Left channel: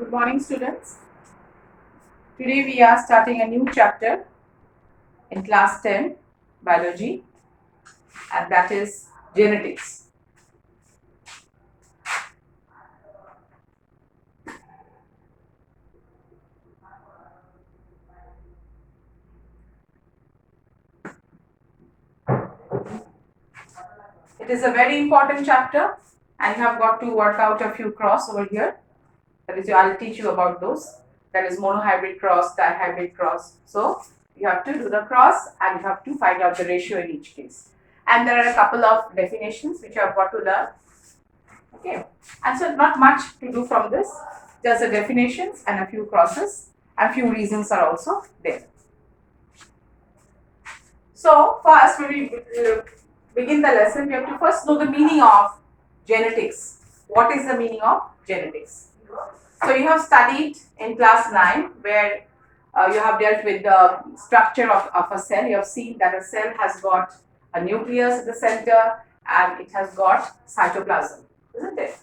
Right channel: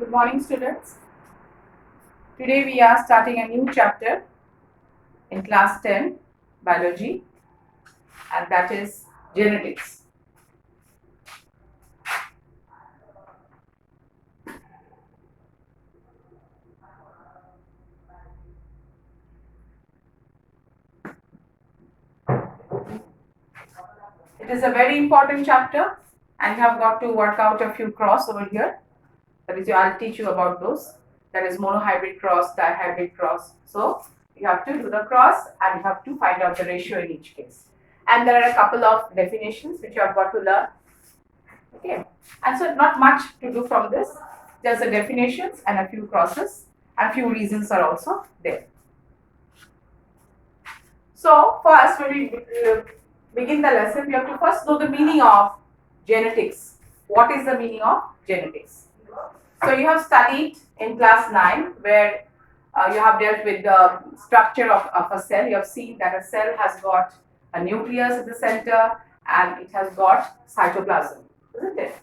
Good morning, students. Today we are starting a new chapter in class 10 biology, and that is genetics. It is a very important chapter, and you have got to work out a few cross over here. That is, I'll teach you about those. That is monohybrid cross, dihybrid cross. So you have to do the cross and you have to find out the ratio in each case. And there are a couple of definitions which you have got to learn. Okay, and so not much to do from this. Just the definitions and a few crosses, and few reasons are also there. So first, when we begin the lesson, we have to first know the meaning of genetics. What is the meaning of genetics? So you have studied in class 9 where you have dealt with the structure of a cell. You have seen that a cell has got a nucleus at the center and it has got cytoplasm, isn't it?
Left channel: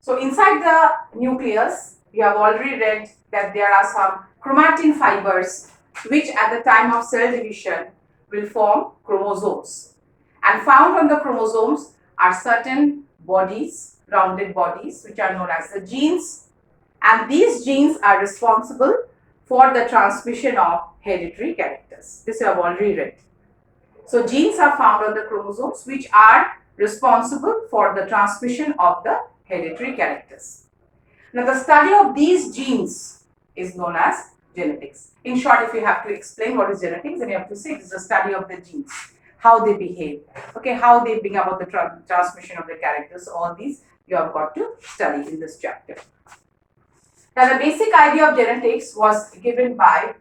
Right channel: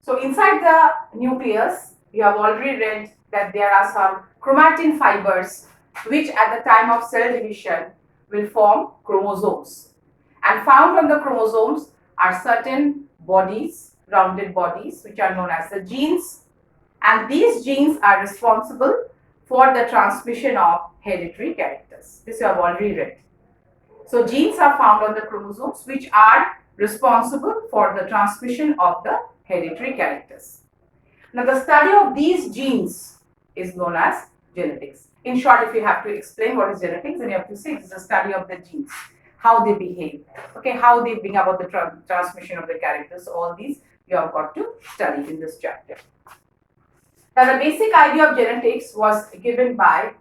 So inside the nucleus, you have already read that there are some chromatin fibers which at the time of cell division will form chromosomes. And found on the chromosomes are certain bodies, rounded bodies, which are known as the genes. And these genes are responsible for the transmission of hereditary characters. This you have already read. So genes are found on the chromosomes which are responsible for the transmission of the hereditary characters. Now the study of these genes is known as genetics. In short, if you have to explain what is genetics, then you have to say it is the study of the genes, how they behave, okay, how they bring about the transmission of the characters. So all these you have got to study in this chapter. Now, the basic idea of genetics was given by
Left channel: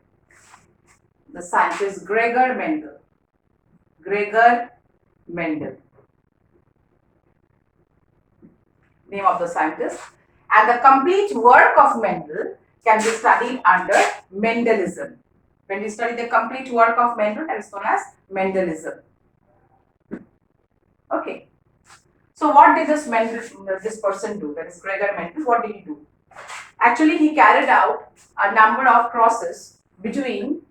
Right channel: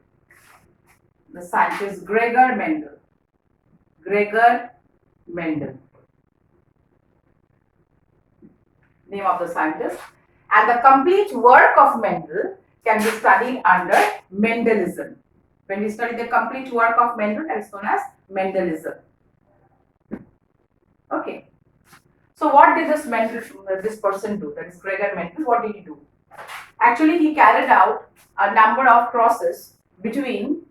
the scientist Gregor Mendel. Gregor Mendel, name of the scientist. And the complete work of Mendel can be studied under Mendelism. When we study the complete work of Mendel, that is known as Mendelism. Okay. So what did this person do? That is Gregor Mendel. What did he do? Actually, he carried out a number of crosses between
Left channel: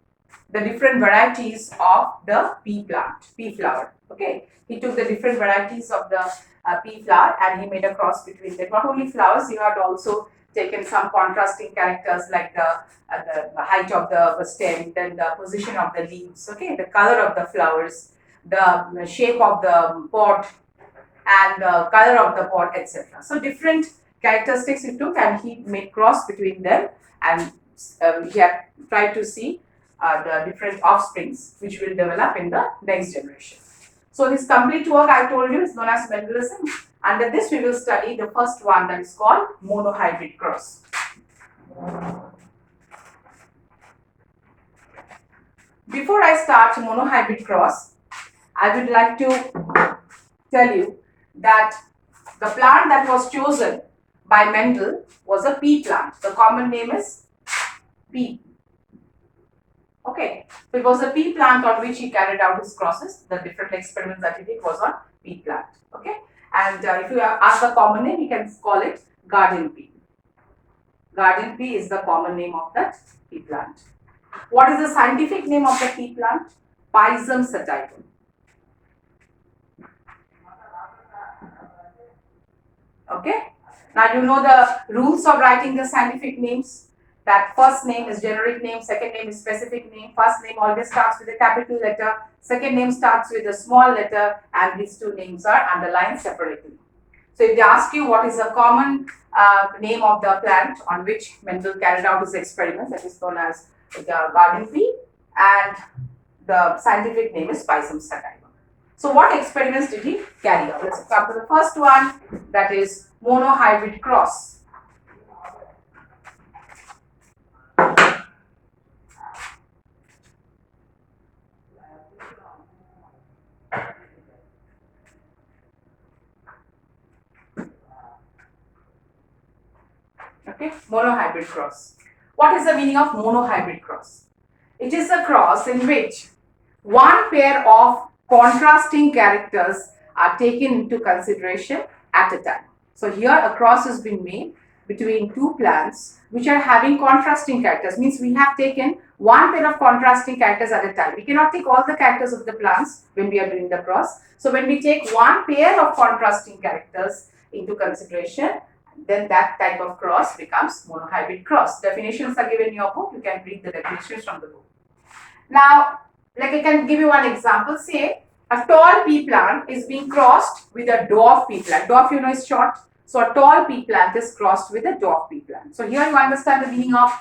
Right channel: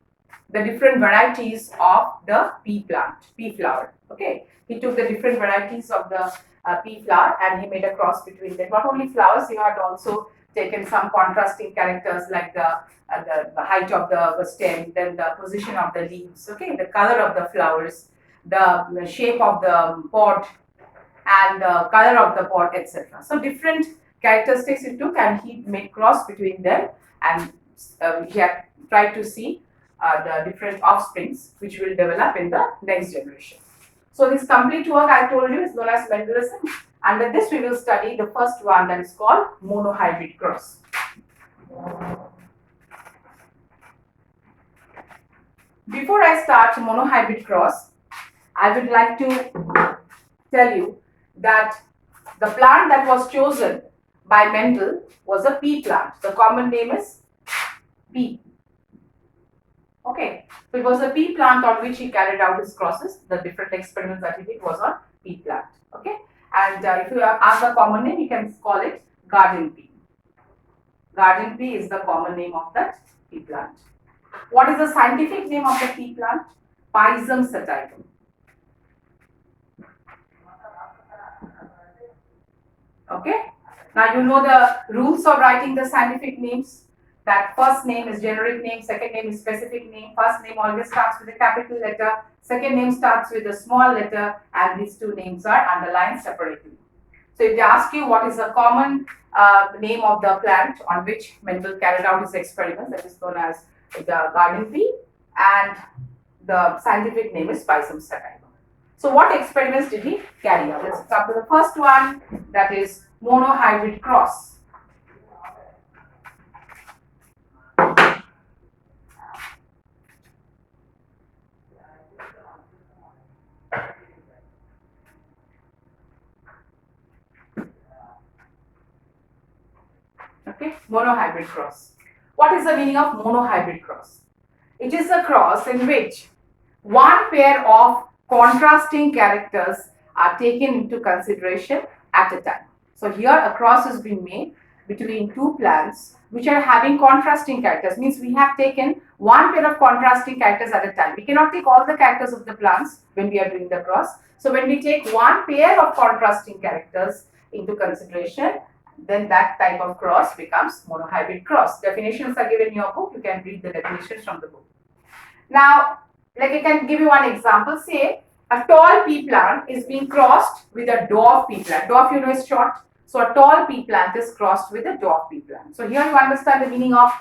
the different varieties of the pea plant, pea flower. Okay, he took the different varieties of the pea flower and he made a cross between them. Not only flowers, he had also taken some contrasting characters like the height of the stem, then the position of the leaves. Okay, the color of the flowers, the shape of the pot, and the color of the pot, etc. So different characteristics he took and he made cross between them, and he had tried to see the different offsprings which will develop in the next generation. So this complete work I told you is known as Mendelism. Under this we will study the first one, that is called monohybrid cross. Before I start monohybrid cross, I would like to tell you that the plant that was chosen by Mendel was a pea plant. The common name is pea. Okay, so it was a pea plant on which he carried out his crosses. The different experiments that he did was on pea plant. Okay, and if you ask the common name, you can call it garden pea. Garden pea is the common name of that pea plant. What is the scientific name of the pea plant? Pisum sativum. Okay. Now you know the rules of writing the scientific names. That first name is generic name, second name is specific name. First name always starts with a capital letter, second name starts with a small letter, and these two names are underlined separately. So if they ask you what is the common name of the plant on which Mendel carried out his experiments, that is known as the garden pea, and the scientific name is Pisum sativum. So what experiments did he carry out? Let's start with the first one, that is monohybrid cross. Okay, monohybrid cross. What is the meaning of monohybrid cross? It is a cross in which one pair of contrasting characters are taken into consideration at a time. So here a cross has been made between two plants which are having contrasting characters. Means we have taken one pair of contrasting characters at a time. We cannot take all the characters of the plants when we are doing the cross. So when we take one pair of contrasting characters into consideration, then that type of cross becomes monohybrid cross. Definitions are given in your book. You can read the definitions from the book. Now, like I can give you one example. Say a tall pea plant is being crossed with a dwarf pea plant. Dwarf, you know, is short. So a tall pea plant is crossed with a dwarf pea plant. So here you understand the meaning of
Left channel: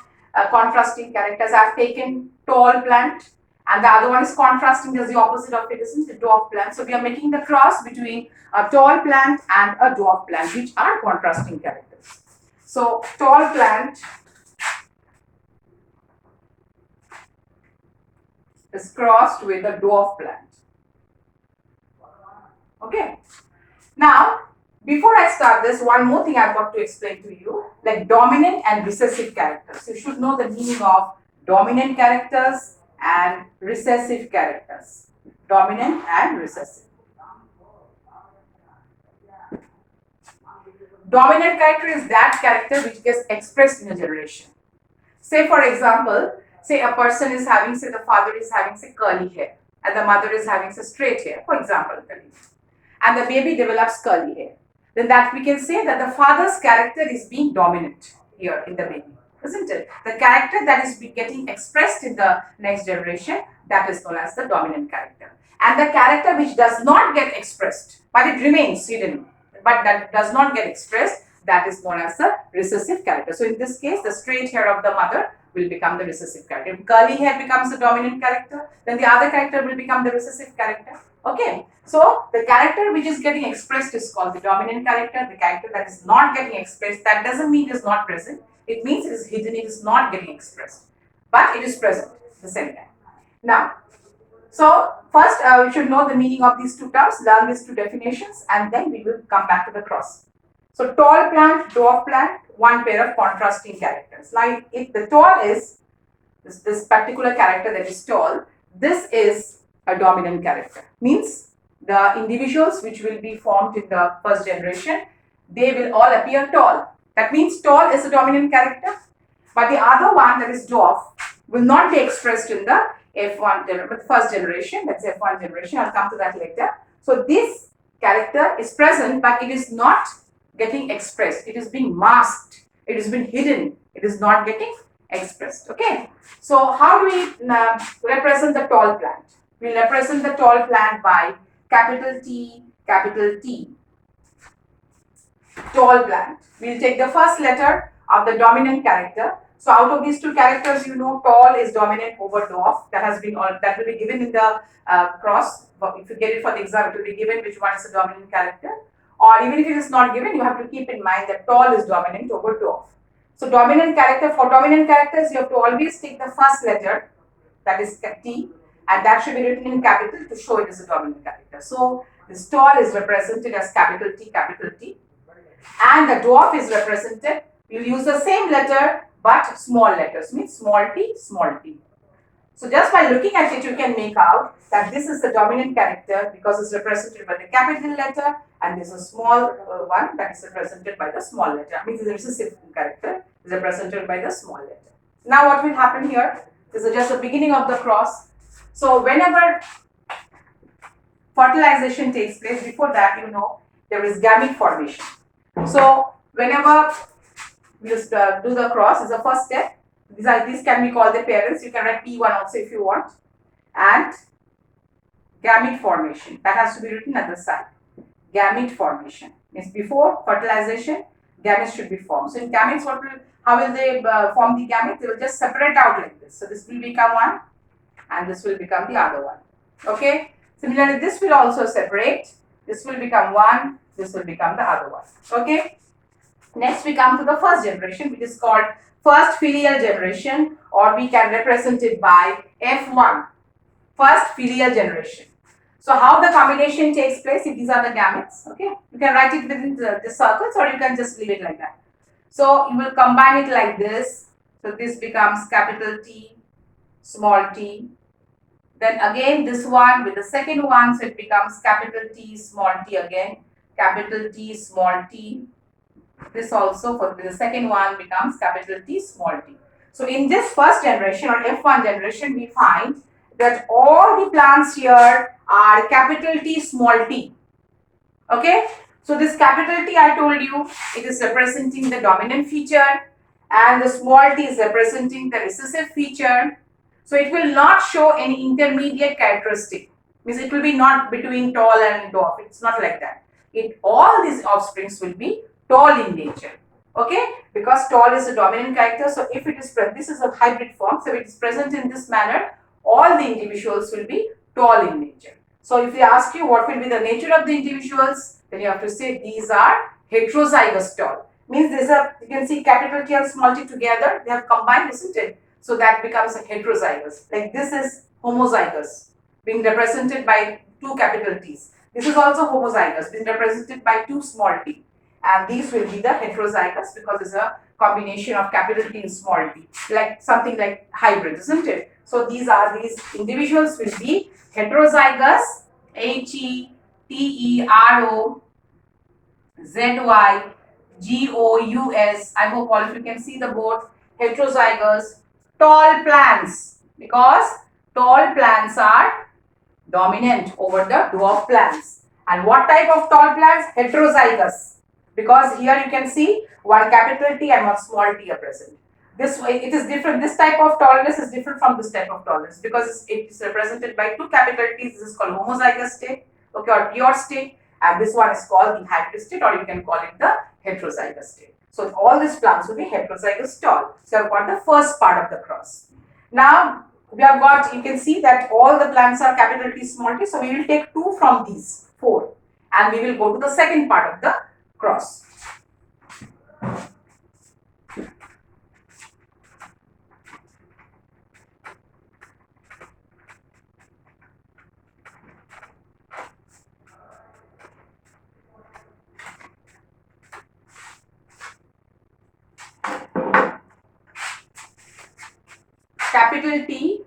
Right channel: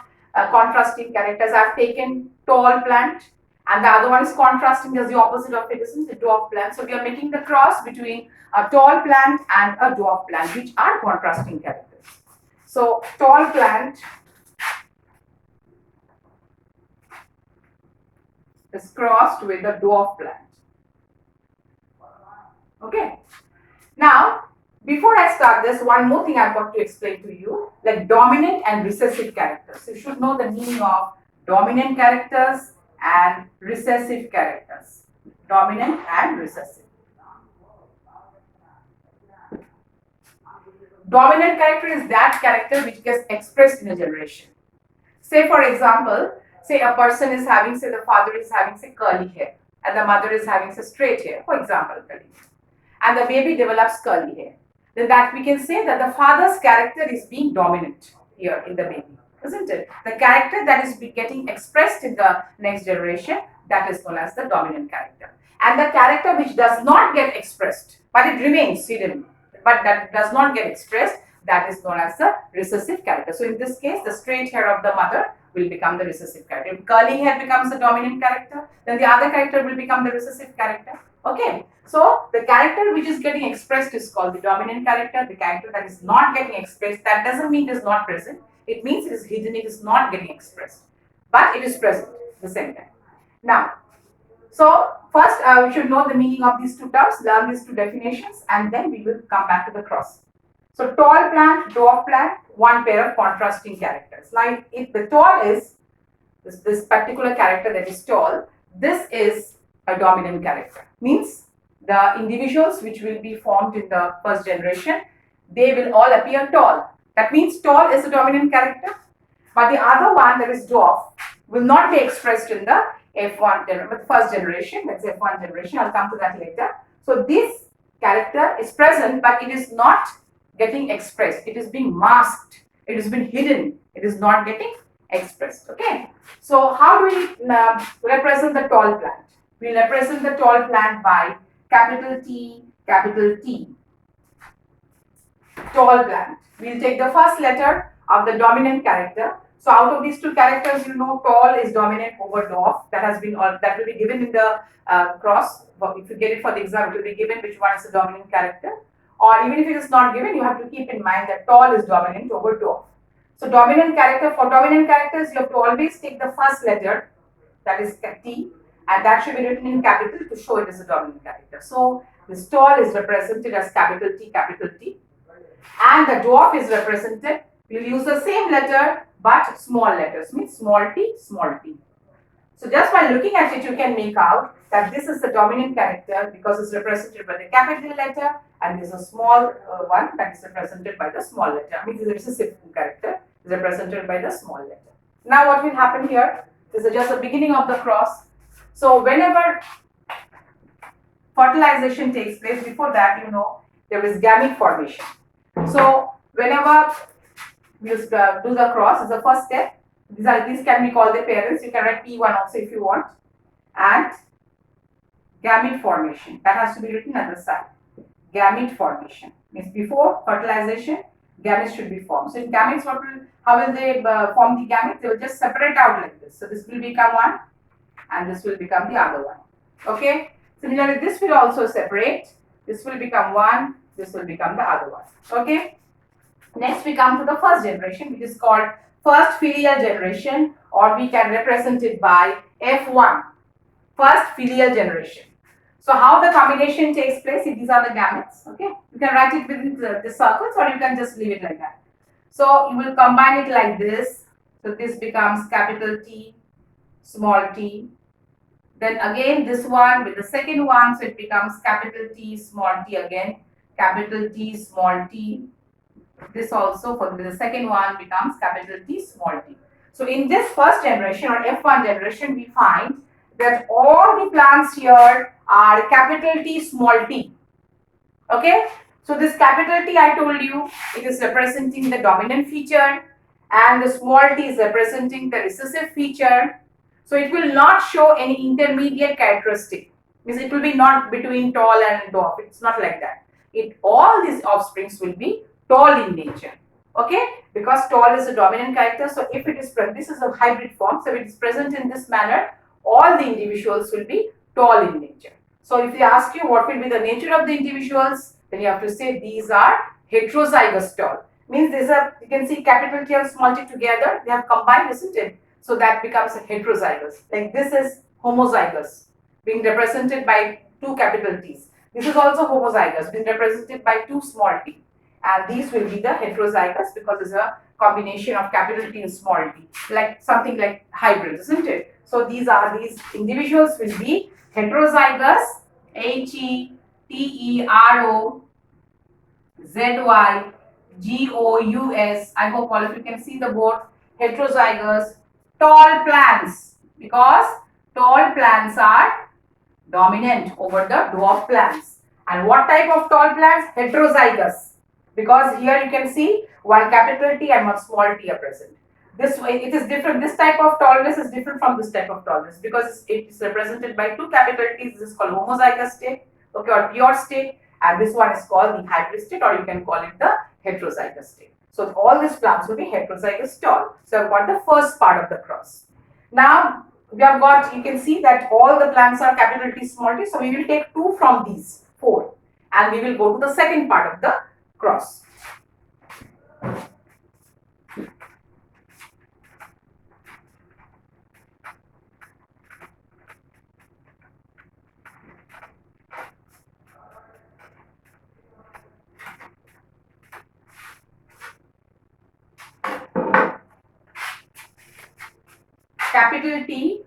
contrasting characters. I have taken tall plant and the other one is contrasting as the opposite of it, isn't it? Dwarf plant. So we are making the cross between a tall plant and a dwarf plant, which are contrasting characters. So tall plant is crossed with a dwarf plant. Okay. Now, before I start this, one more thing I've got to explain to you, like dominant and recessive characters. You should know the meaning of dominant characters and recessive characters. Dominant and recessive. Dominant character is that character which gets expressed in a generation. Say for example, say a person is having, say the father is having, say curly hair and the mother is having, say straight hair, for example, and the baby develops curly hair. Then that we can say that the father's character is being dominant here in the baby, isn't it? The character that is getting expressed in the next generation, that is known as the dominant character. And the character which does not get expressed, but it remains hidden, but that does not get expressed, that is known as the recessive character. So in this case, the straight hair of the mother will become the recessive character. If curly hair becomes the dominant character, then the other character will become the recessive character. Okay, so the character which is getting expressed is called the dominant character. The character that is not getting expressed, that doesn't mean it is not present. It means it is hidden, it is not getting expressed. But it is present at the same time. Now, so first we should know the meaning of these two terms, learn these two definitions, and then we will come back to the cross. So tall plant, dwarf plant, one pair of contrasting characters. Now if the tall is this particular character that is tall, this is a dominant character. Means the individuals which will be formed in the first generation, they will all appear tall. That means tall is a dominant character, but the other one, that is dwarf, will not be expressed in the first generation, that's F1 generation. I'll come to that later. So this character is present, but it is not getting expressed. It is being masked. It has been hidden. It is not getting expressed. Okay. So how do we represent the tall plant? We represent the tall plant by capital T, capital T. Tall plant. We'll take the first letter of the dominant character. So out of these two characters, you know, tall is dominant over dwarf. That will be given in the cross. If you get it for the exam, it will be given which one is the dominant character. Or even if it is not given, you have to keep in mind that tall is dominant over dwarf. So dominant character, for dominant characters, you have to always take the first letter, that is T, and that should be written in capital to show it is a dominant character. So this tall is represented as capital T, and the dwarf is represented, we'll use the same letter but small letters, means small t, small t. So just by looking at it, you can make out that this is the dominant character because it's represented by the capital letter, and this is a small one that is represented by the small letter. I mean, the recessive character is represented by the small letter. Now what will happen here? This is just the beginning of the cross. So whenever fertilization takes place, before that, you know, there is gamete formation. So whenever we do the cross, is the first step. These can be called the parents. You can write P1 also if you want. And gamete formation. That has to be written at the side. Gamete formation means before fertilization, gametes should be formed. So in gametes, how will they form the gamete? They will just separate out like this. So this will become one, and this will become the other one. Okay. Similarly, this will also separate. This will become one. This will become the other one. Okay. Next, we come to the first generation, which is called first filial generation, or we can represent it by F1, first filial generation. So how the combination takes place, if these are the gametes, okay, you can write it within the circles, or you can just leave it like that. So you will combine it like this. So this becomes capital T, small t. Then again this one with the second one, so it becomes capital T, small t again, capital T, small t. this also for the second one becomes capital T small t. So in this first generation or F1 generation, we find that all the plants here are capital T small t. Okay, so this capital T, I told you, it is representing the dominant feature and the small t is representing the recessive feature. So it will not show any intermediate characteristic, means it will be not between tall and dwarf. It's not like that. All these offsprings will be tall in nature. Okay, because tall is a dominant character. So if it is this is a hybrid form, so if it is present in this manner, all the individuals will be tall in nature. So if they ask you what will be the nature of the individuals, then you have to say these are heterozygous tall. Means these are, you can see capital T and small t together, they have combined, isn't it? So that becomes a heterozygous. Like this is homozygous, being represented by two capital T's. This is also homozygous, being represented by two small t. And these will be the heterozygous because it's a combination of capital T and small t, like something like hybrid, isn't it? So these individuals will be heterozygous, heterozygous. I hope all of you can see the board. Heterozygous tall plants, because tall plants are dominant over the dwarf plants. And what type of tall plants? Heterozygous, because here you can see one capital T and one small t are present. This way it is different. This type of tallness is different from this type of tallness because it is represented by two capital T's. This is called homozygous state, okay, or pure state, and this one is called the hybrid state, or you can call it the heterozygous state. So all these plants will be heterozygous tall. So I've got the first part of the cross. Now we have got, you can see that all the plants are capital T small t. So we will take two from these four, and we will go to the second part of the cross. Capital T,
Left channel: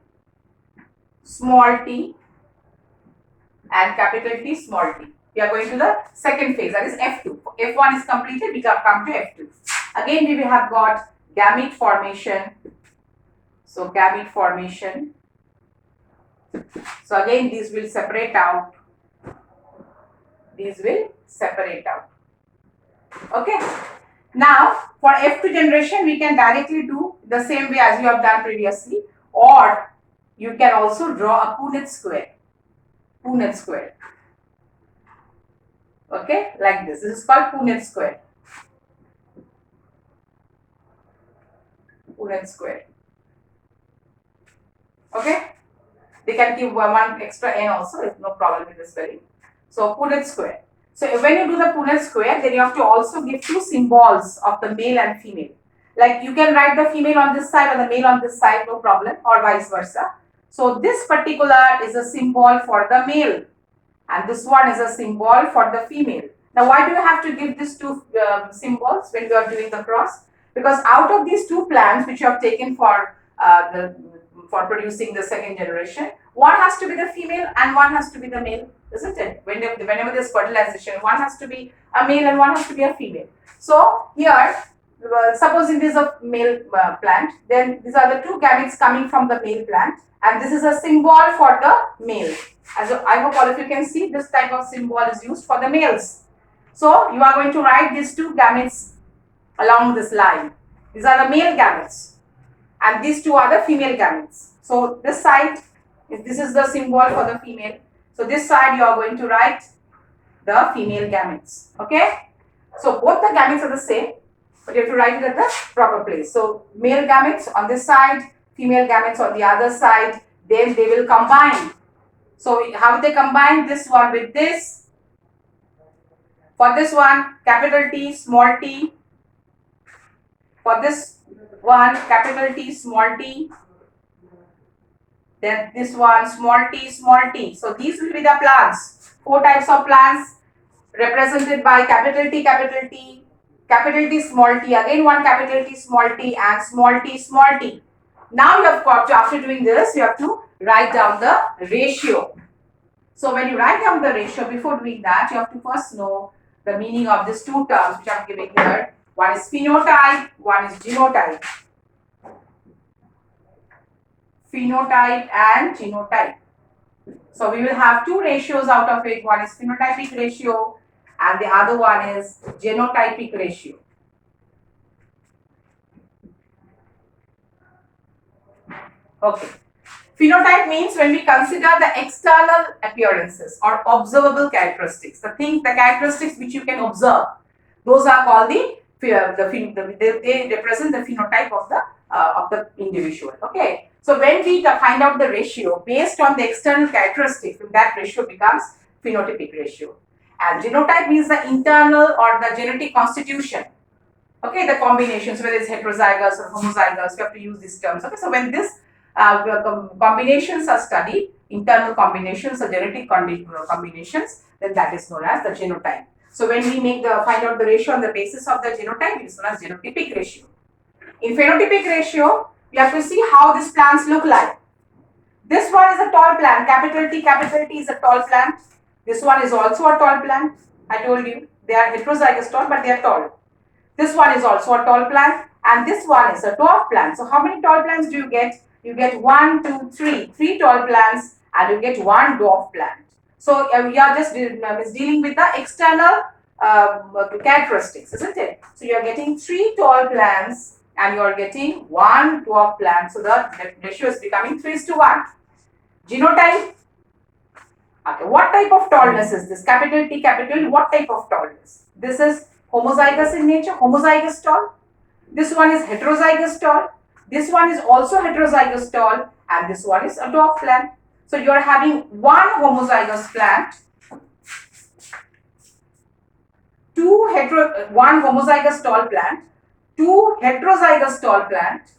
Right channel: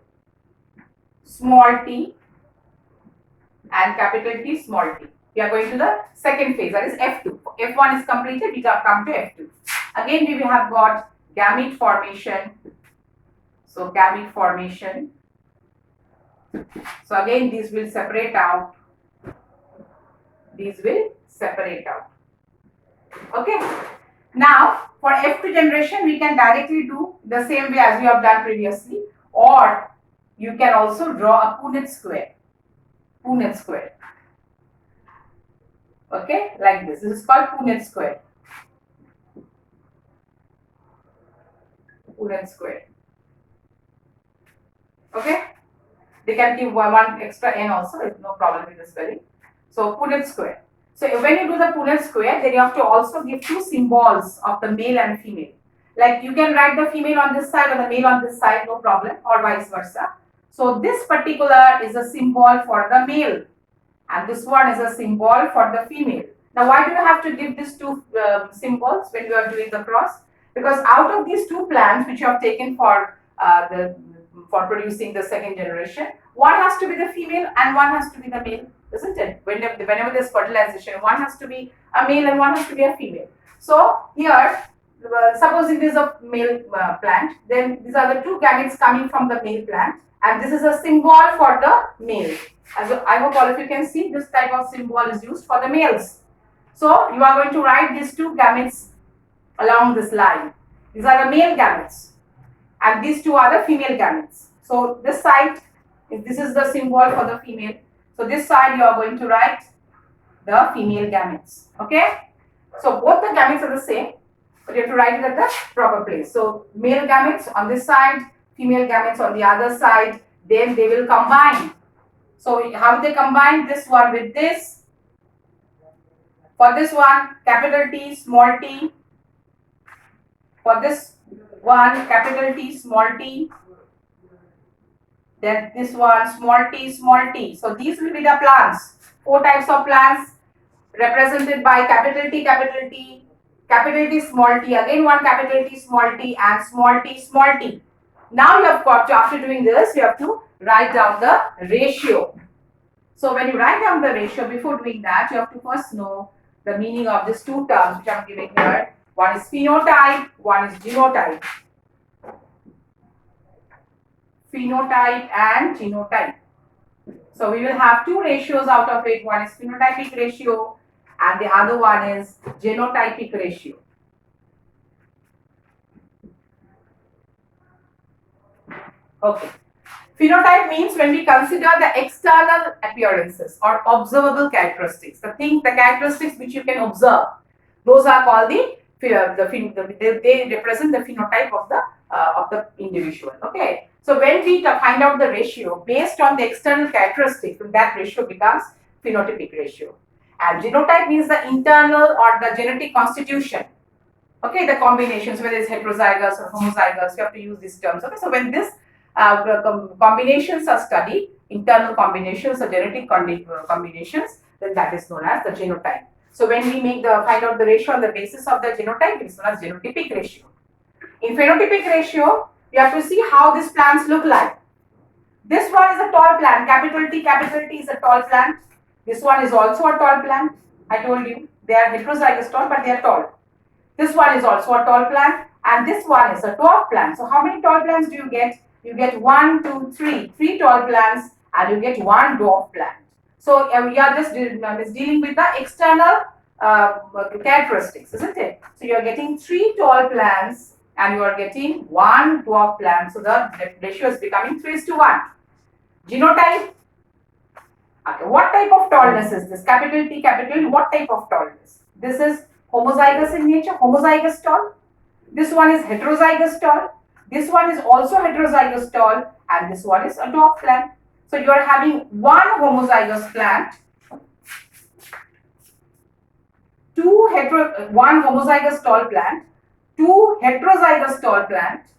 small t, and capital T, small t. We are going to the second phase, that is F2. F1 is completed, we come to F2. Again, we have got gamete formation. So gamete formation. So again, these will separate out. These will separate out. Okay. Now, for F2 generation, we can directly do the same way as you have done previously, or you can also draw a Punnett square. Punnett square. Okay, like this. This is called Punnett square. Punnett square. Okay. They can give one extra n also. There's no problem with the spelling. So Punnett square. So when you do the Punnett square, then you have to also give two symbols of the male and female. Like you can write the female on this side or the male on this side, no problem, or vice versa. So this particular is a symbol for the male, and this one is a symbol for the female. Now, why do you have to give these two symbols when you are doing the cross? Because out of these two plants which you have taken for producing the second generation, one has to be the female and one has to be the male, isn't it? Whenever there's fertilization, one has to be a male and one has to be a female. So here, supposing this is a male plant, then these are the two gametes coming from the male plant, and this is a symbol for the male. As I hope all of you can see, this type of symbol is used for the males. So you are going to write these two gametes along this line. These are the male gametes, and these two are the female gametes. So this side, this is the symbol for the female. So this side you are going to write the female gametes. Okay. So both the gametes are the same, but you have to write it at the proper place. So male gametes on this side, female gametes on the other side. Then they will combine. So how they combine? This one with this. For this one, capital T, small t. For this one, capital T, small t. Then this one, small t, small t. So these will be the plants. Four types of plants represented by capital T, capital T, capital T, small t. Again one capital T, small t, and small t, small t. Now you have got to, after doing this, you have to write down the ratio. So when you write down the ratio, before doing that, you have to first know the meaning of these two terms which I am giving here. One is phenotype, one is genotype. Phenotype and genotype. So we will have two ratios out of it. One is phenotypic ratio and the other one is genotypic ratio. Okay. Phenotype means when we consider the external appearances or observable characteristics, the characteristics which you can observe, those are called they represent the phenotype of the individual. Okay. So when we find out the ratio based on the external characteristics, that ratio becomes phenotypic ratio. And genotype means the internal or the genetic constitution. Okay, the combinations, whether it's heterozygous or homozygous, you have to use these terms. Okay, so when this combinations are studied, internal combinations or genetic combinations, then that is known as the genotype. So when we find out the ratio on the basis of the genotype, it is known as genotypic ratio. In phenotypic ratio, you have to see how these plants look like. This one is a tall plant, capital T is a tall plant. This one is also a tall plant. I told you, they are heterozygous tall, but they are tall. This one is also a tall plant and this one is a dwarf plant. So how many tall plants do you get? You get 1, 2, 3. 3 tall plants and you get 1 dwarf plant. So we are just dealing with the external characteristics, isn't it? So you are getting 3 tall plants and you are getting 1 dwarf plant. So the ratio is becoming 3:1. Genotype. Okay, what type of tallness is this? Capital T, capital, what type of tallness? This is homozygous in nature, homozygous tall. This one is heterozygous tall. This one is also heterozygous tall and this one is a dwarf plant. So you are having one homozygous plant, one homozygous tall plant, 2 heterozygous tall plant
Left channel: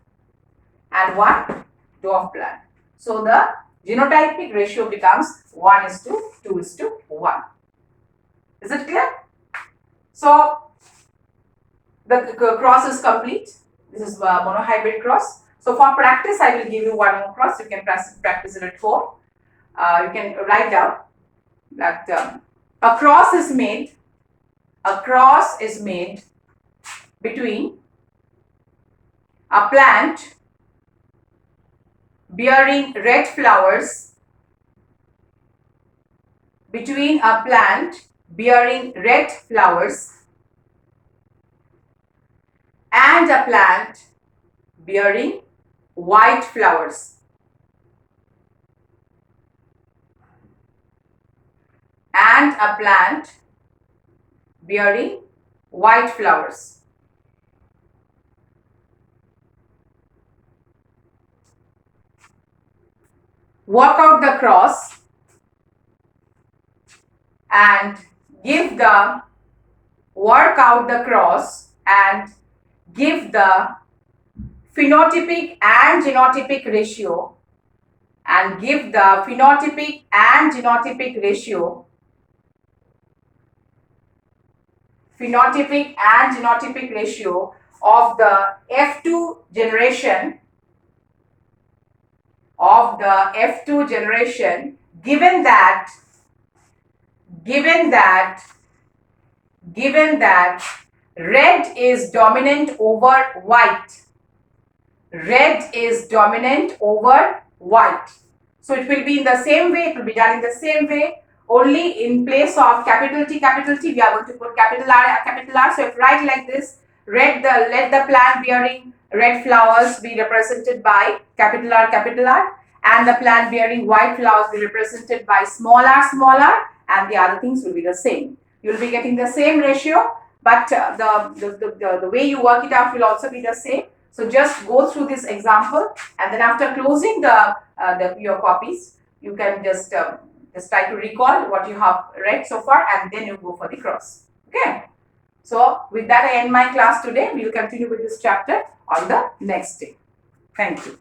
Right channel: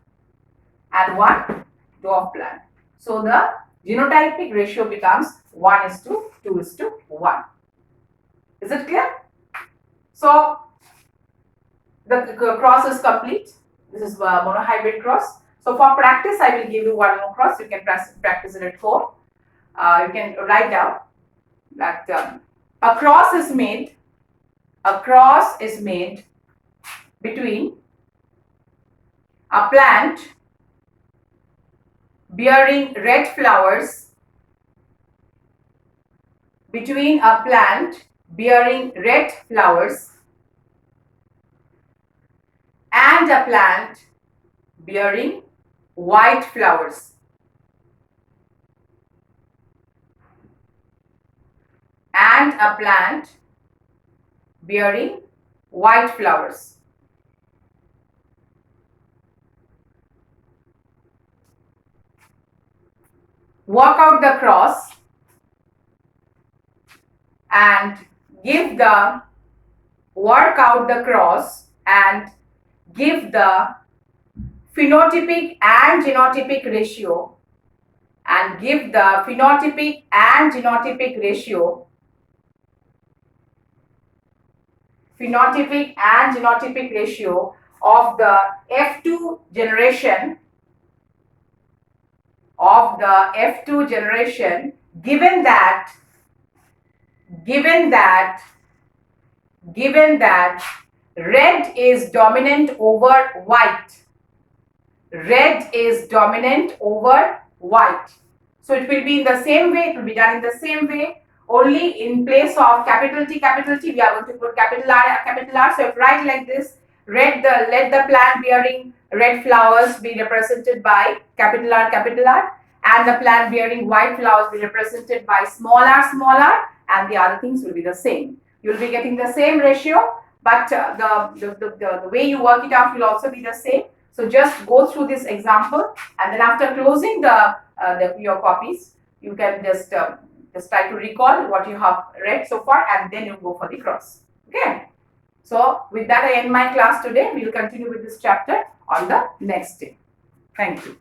and 1 dwarf plant. So the genotypic ratio becomes 1:2:1. Is it clear? So the cross is complete. This is monohybrid cross. So for practice, I will give you one more cross. You can practice it at home. You can write down that a cross is made. A cross is made between a plant bearing red flowers, between a plant bearing red flowers and a plant bearing white flowers. And a plant bearing white flowers. Work out the cross and give the phenotypic and genotypic ratio of the F2 generation given that red is dominant over white. So it will be in the same way, it will be done in the same way. Only in place of capital T, we are going to put capital R. So if write like this, let the plant bearing red flowers be represented by capital R, and the plant bearing white flowers be represented by small r, and the other things will be the same. You will be getting the same ratio, but the way you work it out will also be the same. So just go through this example, and then after closing your copies, you can just try to recall what you have read so far, and then you go for the cross. Okay. So with that, I end my class today. We will continue with this chapter on the next day. Thank you.